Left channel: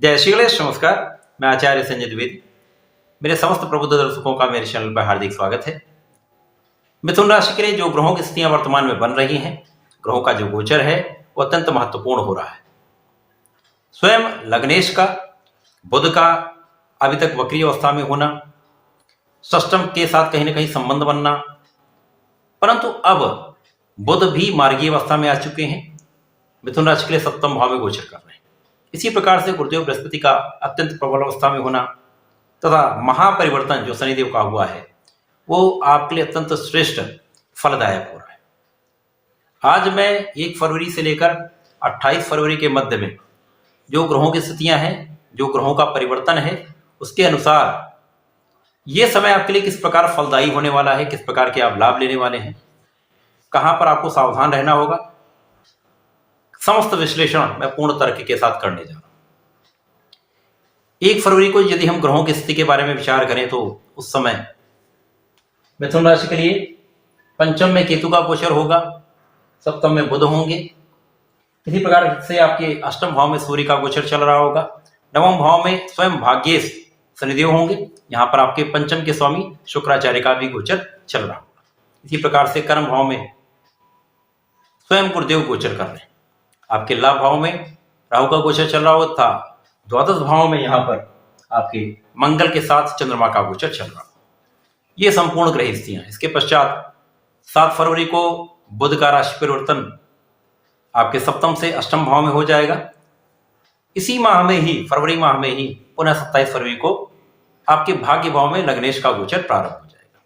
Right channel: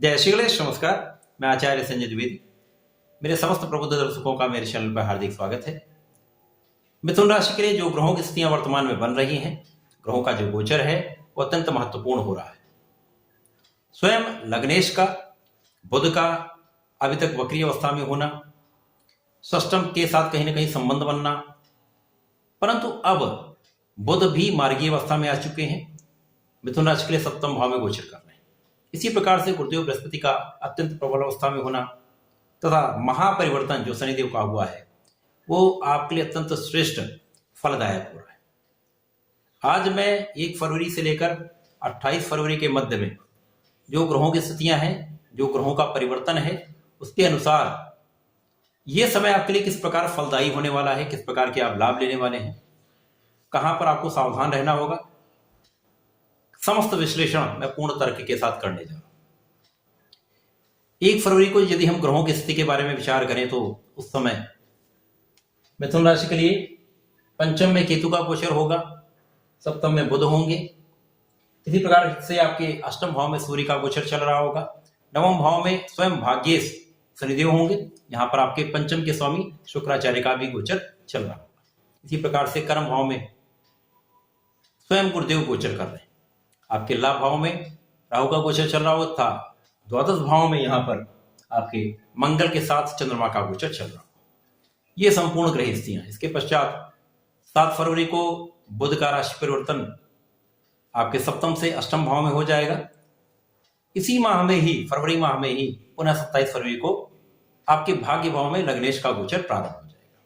जय श्री गणेश। नमस्कार, मैं आचार्य संजय द्विवेदी। मेरे समस्त प्रबुद्ध दर्शकों का मेरे चैनल पर हार्दिक स्वागत है। मिथुन राशि के लिए जो ग्रहों की स्थितियां वर्तमान में बन रही हैं, ग्रहों का जो गोचर है वो अत्यंत महत्वपूर्ण हो रहा है। स्वयं लग्नेश का बुध का अभी तक वक्री अवस्था में होना, षष्टम के साथ कहीं ना कहीं संबंध बनना, परंतु अब बुध भी मार्गीय अवस्था में आ चुके हैं। मिथुन राशि के लिए सप्तम भाव में गोचर कर रहे हैं। इसी प्रकार से गुरुदेव बृहस्पति का अत्यंत प्रबल अवस्था में होना तथा महापरिवर्तन जो शनिदेव का हुआ है वो आपके लिए अत्यंत श्रेष्ठ फलदायक हो रहा है। आज मैं 1 फरवरी से लेकर 28 फरवरी के मध्य में जो ग्रहों की स्थितियां हैं, जो ग्रहों का परिवर्तन है, उसके अनुसार ये समय आपके लिए किस प्रकार फलदायी होने वाला है, किस प्रकार के आप लाभ लेने वाले हैं, कहां पर आपको सावधान रहना होगा, समस्त विश्लेषण मैं पूर्ण तर्क के साथ करने जा रहा हूं। 1 फरवरी को यदि हम ग्रहों की स्थिति के बारे में विचार करें तो उस समय मिथुन राशि के लिए पंचम में केतु का गोचर होगा, सप्तम में बुध होंगे। इसी प्रकार से आपके अष्टम भाव में सूर्य का गोचर चल रहा होगा। नवम भाव में स्वयं भाग्येश शनिदेव होंगे। यहाँ पर आपके पंचम के स्वामी शुक्राचार्य का भी गोचर चल रहा होगा। इसी प्रकार से कर्म भाव में स्वयं गुरुदेव गोचर कर रहे हैं। आपके लाभ भाव में राहु का गोचर चल रहा होता था। द्वादश भाव में यहाँ पर आपके मंगल के साथ चंद्रमा का गोचर चल रहा। ये संपूर्ण ग्रह स्थितियां। इसके पश्चात 7 फरवरी को बुध का राशि परिवर्तन आपके सप्तम से अष्टम भाव में हो जाएगा। इसी माह में ही, फरवरी माह में ही, पुनः 27 फरवरी को आपके भाग्य भाव में लग्नेश का गोचर प्रारंभ हो जाएगा।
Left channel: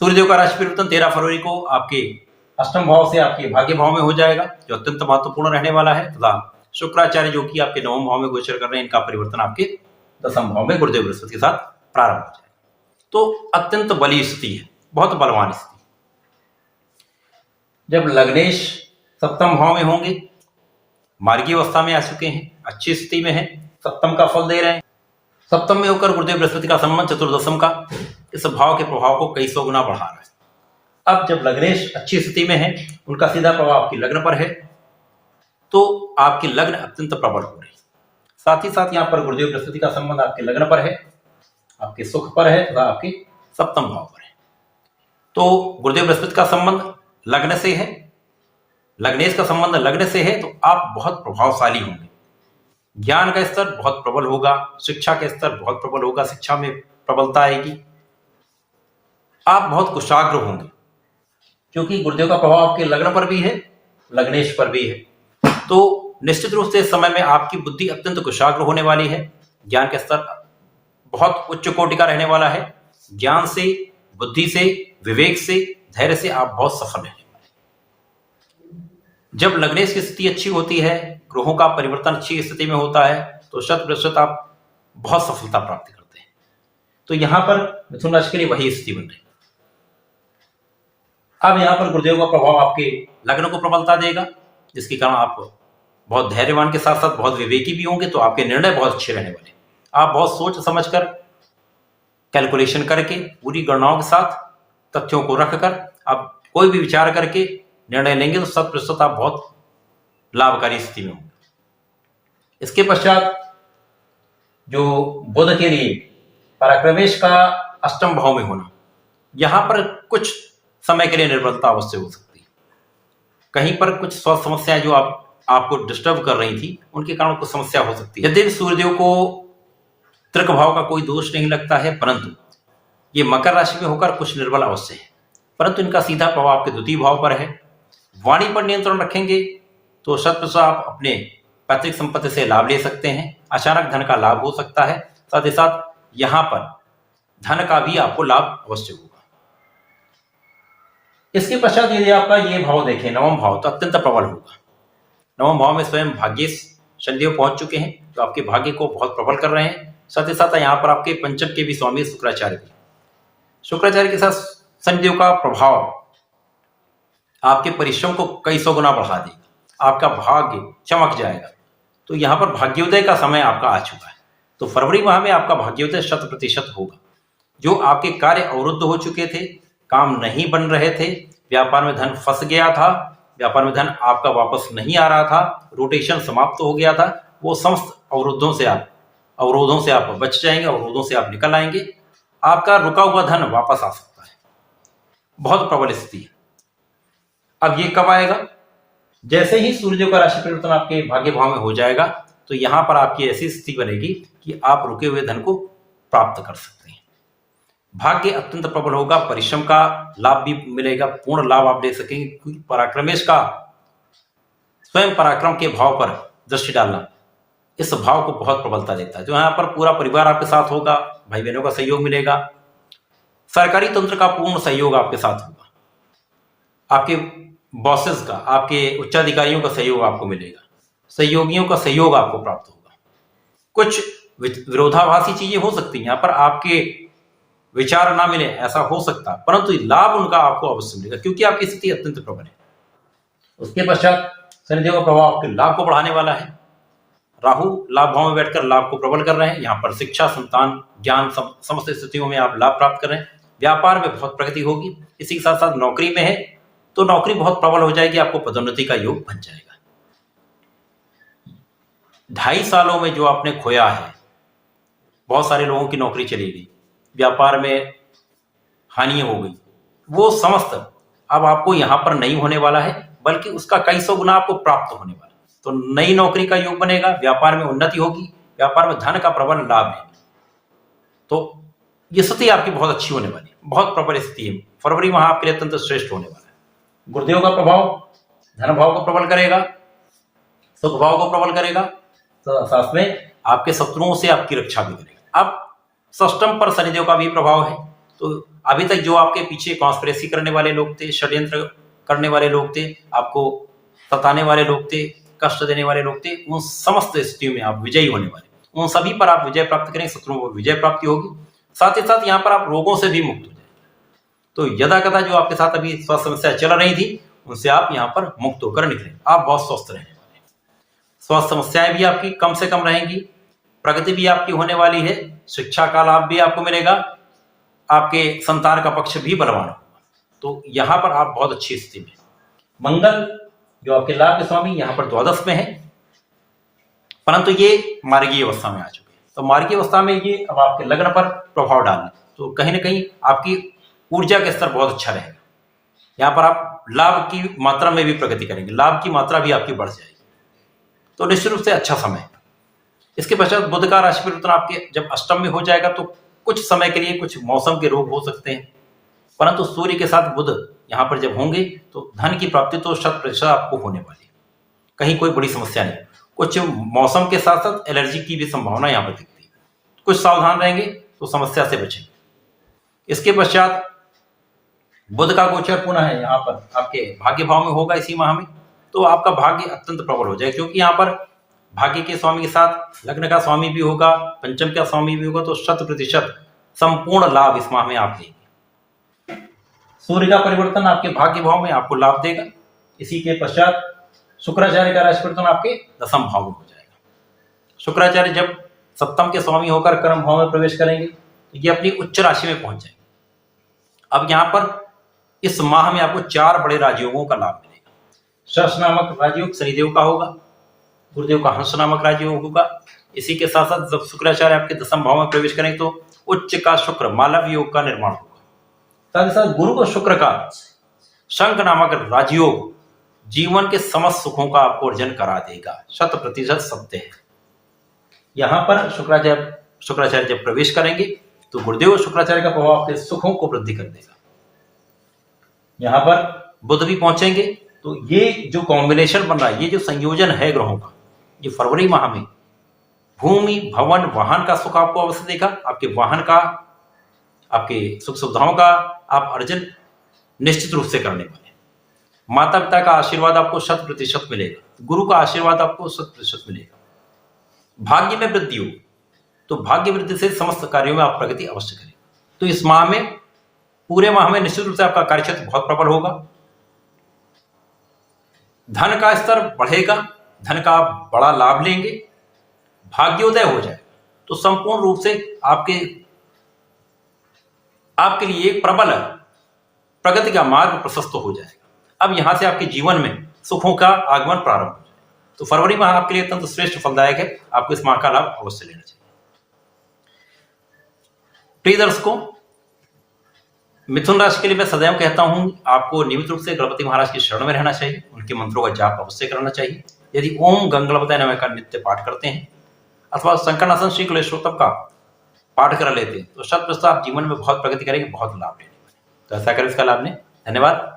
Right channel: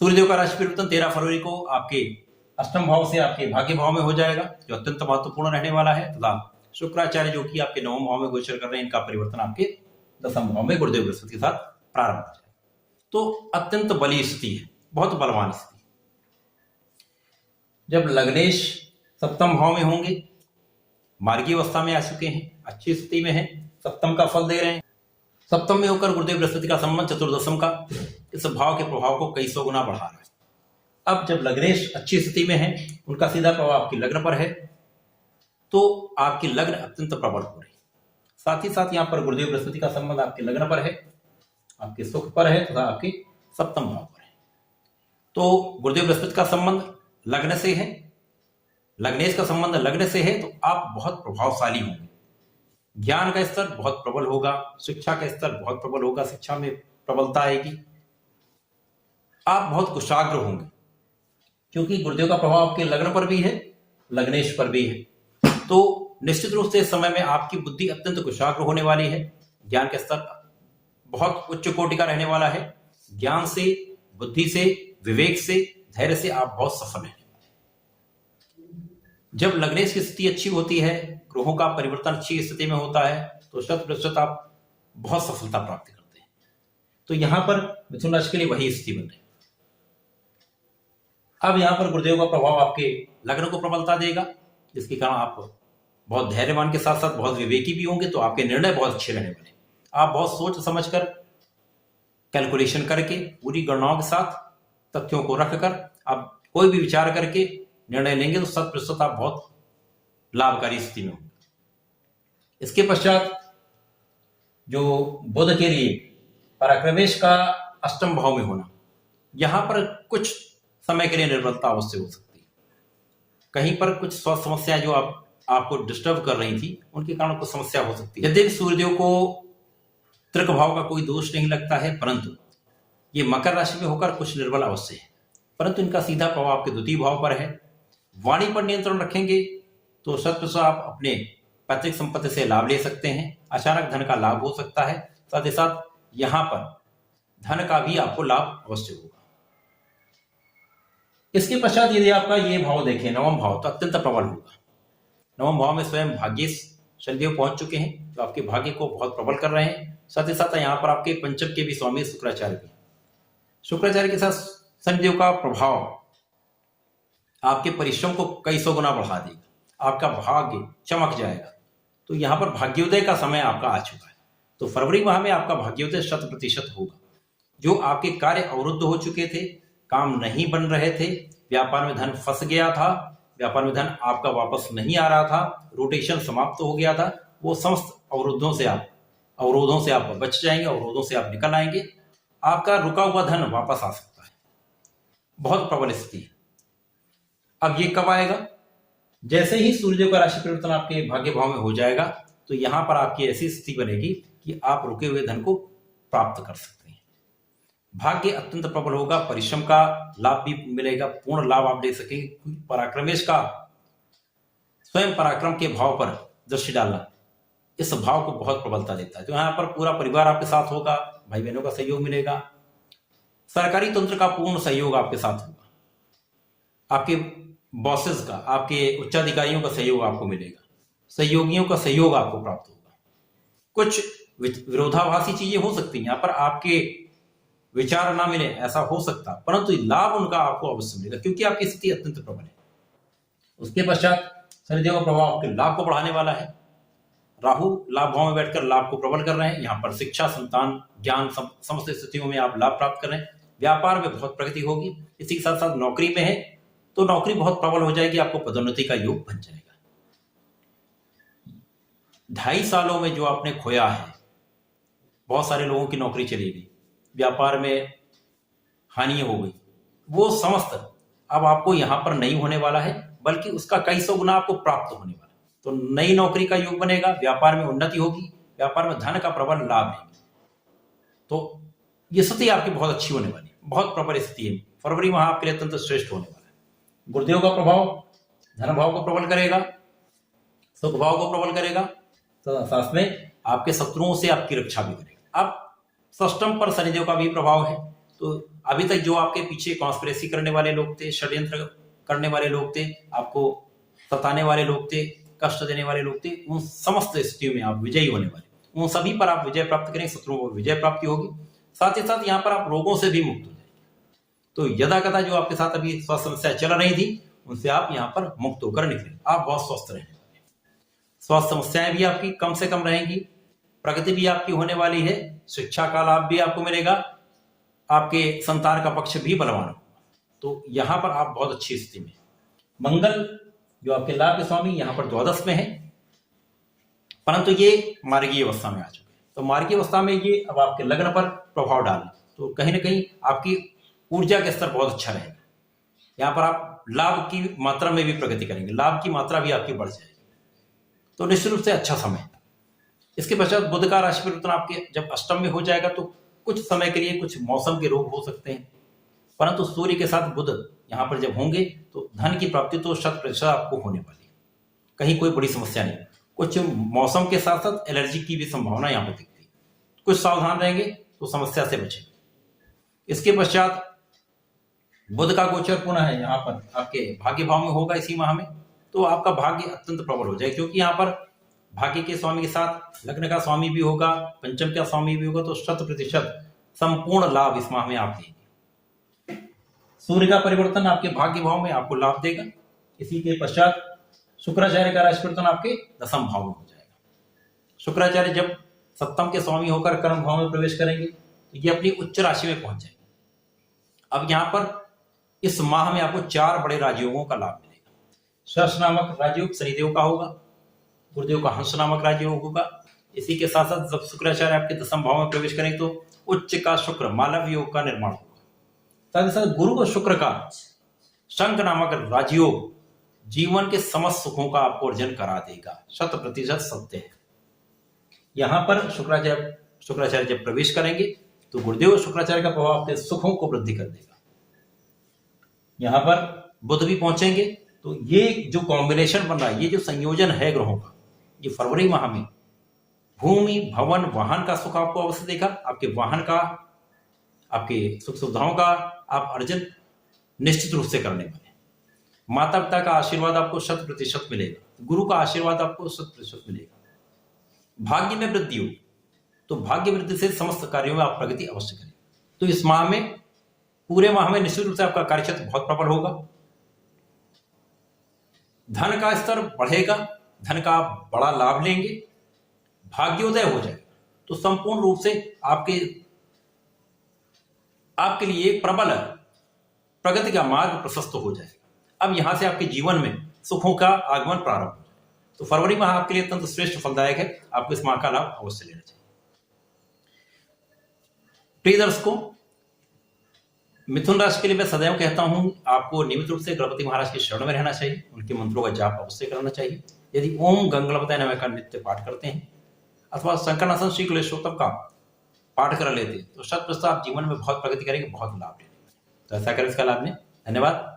सूर्यदेव का राशि परिवर्तन 13 फरवरी को आपके अष्टम भाव से आपके भाग्य भाव में हो जाएगा, जो अत्यंत महत्वपूर्ण रहने वाला है। तथा शुक्राचार्य जो कि आपके नवम भाव में गोचर कर रहे हैं, इनका परिवर्तन आपके दसम भाव में गुरुदेव बृहस्पति के साथ प्रारंभ हो जाएगा। तो अत्यंत बली स्थिति है, बहुत बलवान स्थिति। जब लग्नेश सप्तम भाव में होंगे, मार्गीय अवस्था में आ चुके हैं, अच्छी स्थिति में है, सप्तम का फल दे रहे हैं। सप्तम में होकर गुरुदेव बृहस्पति का संबंध चतुर्दशम का इस भाव के प्रभाव को कई सौ गुना बढ़ा रहा है। अब जब लग्नेश अच्छी स्थिति में है, उनका सीधा प्रभाव आपकी लग्न पर है, तो आपकी लग्न अत्यंत प्रबल हो रही है। साथ ही साथ यहाँ पर गुरुदेव बृहस्पति का संबंध आपके लग्न पर है, आपके सुख पर है तथा आपके सप्तम भाव पर है। तो गुरुदेव बृहस्पति का संबंध लग्न से है, लग्नेश का संबंध लग्न से है, तो आप बहुत प्रभावशाली होंगे। ज्ञान का स्तर बहुत प्रबल होगा, शिक्षा का स्तर बहुत प्रबल होगा, शिक्षा में प्रबलता आएगी। आप बहुत कुशाग्र होंगे, क्योंकि गुरुदेव का प्रभाव आपके लग्न पर भी है, लग्नेश पर भी है। तो निश्चित रूप से इस समय में आपकी बुद्धि अत्यंत कुशाग्र होने वाली है। ज्ञान का स्तर बहुत उच्च कोटि का रहने वाला है। ज्ञान से, बुद्धि से, विवेक से, धैर्य से आप बहुत सफल रहने वाले। जब लग्नेश की स्थिति अच्छी होती है, ग्रहों का परिवर्तन अच्छी स्थिति में होता है, तो 100% आप बहुत सफलता प्राप्त करते हैं। तो यहां पर मिथुन राशि के लिए वही स्थिति बन रही है। अब यहाँ पर गुरुदेव का प्रभाव आपके लग्न को प्रबलता देगा, जिसके कारण आप बहुत धैर्यवान के साथ साथ बहुत विवेकी भी होंगे। तो आपके निर्णय बहुत अच्छे रहने वाले। आप बहुत सोच समझकर, कैलकुलेशन करके, पूरी गणनाओं के साथ, तथ्यों को रखकर आप कोई भी विचार करके निर्णय लेंगे, तो 100% आप बहुत लाभकारी स्थिति में होंगे। इसके पश्चात जो बुध के लिए पराक्रमेश का अष्टम भाव में होना, यहां पर कुछ समय के लिए निर्बलता अवश्य हो सकती है। कहीं पर कुछ स्वास्थ्य समस्याएं जो आपको डिस्टर्ब कर रही थी, उनके कारण कुछ समस्या हो सकती है। यदि सूर्यदेव को तृक भाव का कोई दोष नहीं लगता है, परंतु ये मकर राशि में होकर कुछ निर्बल अवश्य है, परंतु इनका सीधा प्रभाव आपके द्वितीय भाव पर है। वाणी पर नियंत्रण रखेंगे तो 100% आप अपने पैतृक संपत्ति से लाभ ले सकते हैं। अचानक धन का लाभ हो सकता है। साथ ही साथ यहां पर धन का भी आपको लाभ अवश्य होगा। इसके पश्चात यदि आपका ये भाव देखें, नवम भाव, तो अत्यंत प्रबल होगा। नवम भाव में स्वयं भाग्येश शनिदेव पहुंच चुके हैं, तो आपके भाग्य को बहुत प्रबल कर रहे हैं। साथ ही साथ यहाँ पर आपके पंचम के भी स्वामी शुक्राचार्य भी। शुक्राचार्य के साथ शनिदेव का प्रभाव आपके परिश्रम को कई सौ गुना बढ़ा देगा। आपका भाग्य चमक जाएगा। तो यहाँ पर भाग्योदय का समय आपका आ चुका है। तो फरवरी माह में आपका भाग्योदय 100% होगा। जो आपके कार्य अवरुद्ध हो चुके थे, काम नहीं बन रहे थे, व्यापार में धन फंस गया था, व्यापार में धन आपका वापस नहीं आ रहा था, रोटेशन समाप्त हो गया था, वो समस्त अवरोधों से आप बच जाएंगे, अवरोधों से आप निकल आएंगे। आपका रुका हुआ धन वापस आ सकता है। बहुत प्रबल स्थिति है। अब ये कब आएगा? जैसे ही सूर्य का राशि परिवर्तन आपके भाग्य भाव में हो जाएगा तो यहां पर आपकी ऐसी स्थिति बनेगी कि आप रुके हुए धन को प्राप्त कर सकते हैं। भाग्य अत्यंत प्रबल होगा, परिश्रम का लाभ भी मिलेगा, पूर्ण लाभ आप ले सकेंगे। पराक्रमेश का स्वयं पराक्रम के भाव पर दृष्टि डालना इस भाव को बहुत प्रबलता देता है। जो यहाँ पर पूरा परिवार आपके साथ होगा, भाई बहनों का सहयोग मिलेगा, सरकारी तंत्र का पूर्ण सहयोग आपके साथ होगा, आपके बॉसेस का, आपके उच्चाधिकारियों का सहयोग आपको मिलेगा, सहयोगियों का सहयोग आपको प्राप्त होगा। कुछ विरोधाभासी चीजें हो सकती हैं, यहाँ पर आपके विचार ना मिले ऐसा हो सकता, परंतु लाभ उनका आपको अवश्य मिलेगा क्योंकि आपकी स्थिति अत्यंत प्रबल है। उसके पश्चात शनिदेव का प्रभाव आपके लाभ को बढ़ाने वाला है। राहु लाभ भाव में बैठकर लाभ को प्रबल कर रहे हैं। यहाँ पर शिक्षा, संतान, ज्ञान, समस्त स्थितियों में आप लाभ प्राप्त कर रहे हैं। व्यापार में बहुत प्रगति होगी। इसी के साथ साथ नौकरी में है तो नौकरी बहुत प्रबल हो जाएगी, आपको पदोन्नति का योग बन जाएगा। 2.5 सालों में जो आपने खोया है, बहुत सारे लोगों की नौकरी चली गई, व्यापार में हानि हो गई, वो समस्त अब आपको यहां पर नहीं होने वाला है, बल्कि उसका कई सौ गुना आपको प्राप्त होने वाला है। तो नई नौकरी का योग बनेगा, व्यापार में उन्नति होगी, व्यापार में धन का प्रबल लाभ है। तो ये स्थिति आपकी बहुत अच्छी होने वाली है, बहुत प्रबल स्थिति है। फरवरी माह आपके लिए अत्यंत श्रेष्ठ होने वाला है। गुरुदेव का प्रभाव धन भाव को प्रबल करेगा, सुख भाव को प्रबल करेगा, तो साथ में आपके शत्रुओं से आपकी रक्षा भी करेगा। अब षष्टम पर शनिदेव का भी प्रभाव है। तो अभी तक जो आपके पीछे कॉन्स्पिरेसी करने वाले लोग थे, षड्यंत्र करने वाले लोग थे, आपको सताने वाले लोग थे, कष्ट देने वाले लोग थे, उन समस्त स्थितियों में आप विजयी होने वाले, उन सभी पर आप विजय प्राप्त करेंगे, शत्रुओं पर विजय प्राप्ति होगी। साथ ही साथ यहाँ पर आप रोगों से भी मुक्त हो जाएंगे। तो यदा कदा जो आपके साथ अभी स्वास्थ्य समस्या चल रही थी उनसे आप यहाँ पर मुक्त होकर निकले, आप बहुत स्वस्थ रहने वाले। स्वास्थ्य समस्याएं भी आपकी कम से कम रहेंगी, प्रगति भी आपकी होने वाली है, शिक्षा का लाभ भी आपको मिलेगा, आपके संतान का पक्ष भी बलवान होगा। तो यहाँ पर आप बहुत अच्छी स्थिति में। मंगल जो आपके लाभ के स्वामी यहाँ पर द्वादश में है, परंतु ये मार्गीय अवस्था में आ चुके हैं। तो मार्गीय अवस्था में ये अब आपके लग्न पर प्रभाव डालना, तो कहीं ना कहीं आपकी ऊर्जा का स्तर बहुत अच्छा रहेगा। यहाँ पर आप लाभ की मात्रा में भी प्रगति करेंगे, लाभ की मात्रा भी आपकी बढ़ जाएगी। तो निश्चित रूप से अच्छा समय है। इसके पश्चात बुध का राशि परिवर्तन आपके जब अष्टम में हो जाएगा तो कुछ समय के लिए कुछ मौसम के रोग हो सकते हैं, परंतु सूर्य के साथ बुध यहाँ पर जब होंगे तो धन की प्राप्ति तो 100% आपको होने वाली है। कहीं कोई बड़ी समस्या नहीं। कुछ मौसम के साथ साथ एलर्जी की भी संभावना यहाँ पर दिखती है, कुछ सावधान रहेंगे तो समस्या से बचेंगे। इसके पश्चात बुध का गोचर पुनः है यहाँ पर आपके भाग्य भाव में होगा इसी माह में, तो आपका भाग्य अत्यंत प्रबल हो जाएगा क्योंकि यहाँ पर भाग्य के स्वामी के साथ लग्न का स्वामी भी होगा, पंचम का स्वामी भी होगा, तो 100% संपूर्ण लाभ इस माह में आप लेंगे। सूर्य का परिवर्तन आपके भाग्य भाव में आपको लाभ देगा। इसी के पश्चात शुक्राचार्य का राशि परिवर्तन आपके दशम भाव में हो जाएगा। शुक्राचार्य जब सप्तम के स्वामी होकर कर्म भाव में प्रवेश करेंगे तो ये अपनी उच्च राशि में पहुंच जाएंगे। अब यहाँ पर इस माह में आपको 4 बड़े राजयोगों का लाभ मिलेगा। शश नामक राजयोग शनिदेव का होगा, गुरुदेव का हंस नामक राजयोग होगा। इसी के साथ साथ जब शुक्राचार्य आपके दशम भाव में प्रवेश करेंगे तो उच्च का शुक्र मालव योग का निर्माण होगा। साथ ही साथ गुरु को शुक्र का शंख नामक राजयोग जीवन के समस्त सुखों का आपको अर्जन करा देगा, 100% सत्य है। यहाँ पर शुक्राचार्य जब प्रवेश करेंगे तो गुरुदेव शुक्राचार्य का प्रभाव आपके सुखों को वृद्धि कर देगा। यहाँ पर बुध भी पहुंचेंगे, तो ये जो कॉम्बिनेशन बन रहा है, ये जो संयोजन है ग्रहों का, ये फरवरी माह में भूमि, भवन, वाहन का सुख आपको अवश्य देगा। आपके वाहन का, आपके सुख सुविधाओं का आप अर्जन निश्चित रूप से करने वाले। माता पिता का आशीर्वाद आपको 100% मिलेगा, गुरु का आशीर्वाद आपको 100% मिलेगा। भाग्य में वृद्धि हो, तो भाग्य वृद्धि से समस्त कार्यों में आप प्रगति अवश्य करें। तो इस माह में, पूरे माह में निश्चित रूप से आपका कार्यक्षेत्र बहुत प्रबल होगा। धन का स्तर बढ़ेगा, धन का आप बड़ा लाभ लेंगे, भाग्योदय हो जाएगा। तो संपूर्ण रूप से आपके लिए एक प्रबल प्रगति का मार्ग प्रशस्त हो जाएगा। अब यहां से आपके जीवन में सुखों का आगमन प्रारंभ हो जाएगा। तो फरवरी माह आपके लिए अत्यंत श्रेष्ठ फलदायक है, आपको इस माह का लाभ अवश्य लेना चाहिए। प्रिय दर्शकों, मिथुन राशि के लिए मैं सदैव कहता हूं, आपको नियमित रूप से गणपति महाराज की शरण में रहना चाहिए, उनके मंत्रों का जाप अवश्य करना चाहिए। यदि ओम गंगणपतये नमः का नित्य पाठ करते हैं अथवा संकर्षण श्री क्लेशोत्तम का पाठ कर लेते हैं तो शत प्रतिशत आप जीवन में बहुत प्रगति करेंगे, बहुत लाभ लेंगे। तो ऐसा करें इसका लाभ लें। धन्यवाद।